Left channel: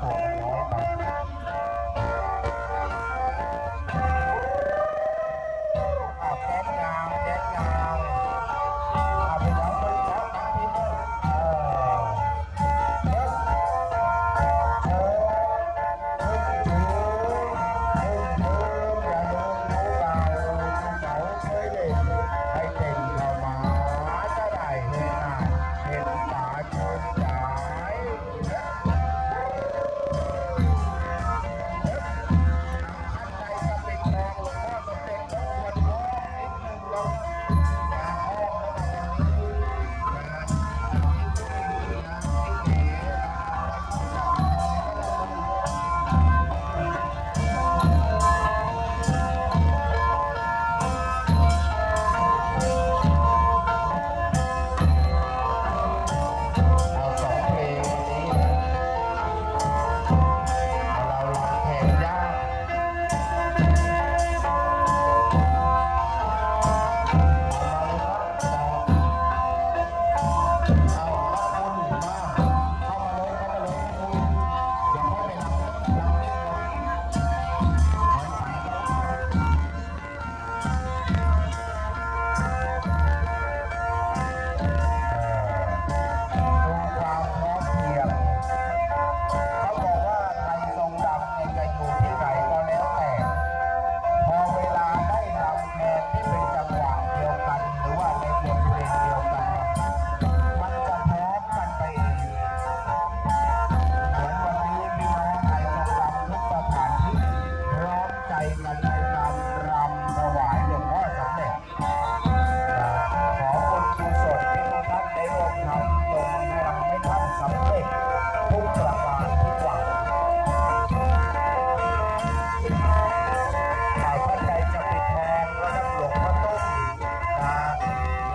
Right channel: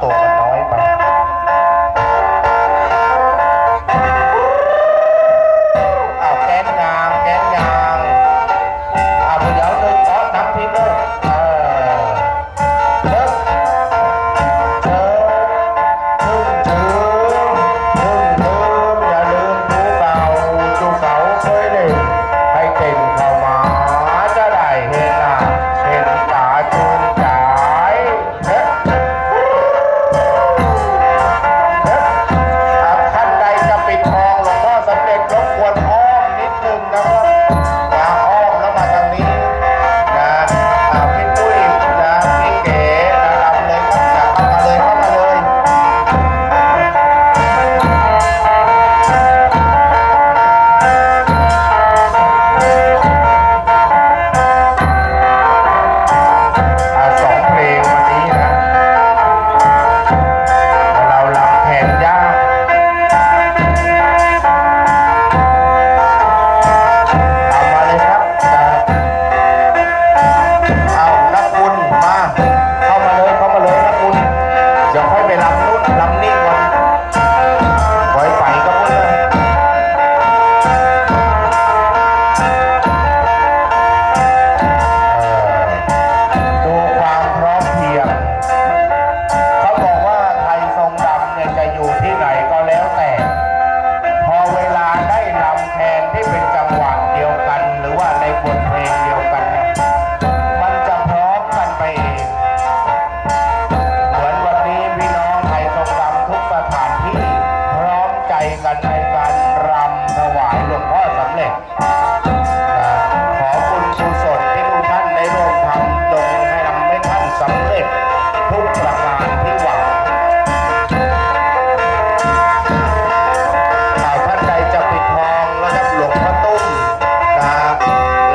好 ที่ไหนก็แล้วแต่ พอเวลาได้ลำแทนที่เป็นจังหวะเดียวกัน หรือว่าในบทเพลงเดียวกัน มันจะพร้อมกันไปเองเหมือนวันนี้พี่น้องไทยทรงรำทุกสถานที่พร้อมใจกันในการรำถวายหลวงพ่อสำเร็จ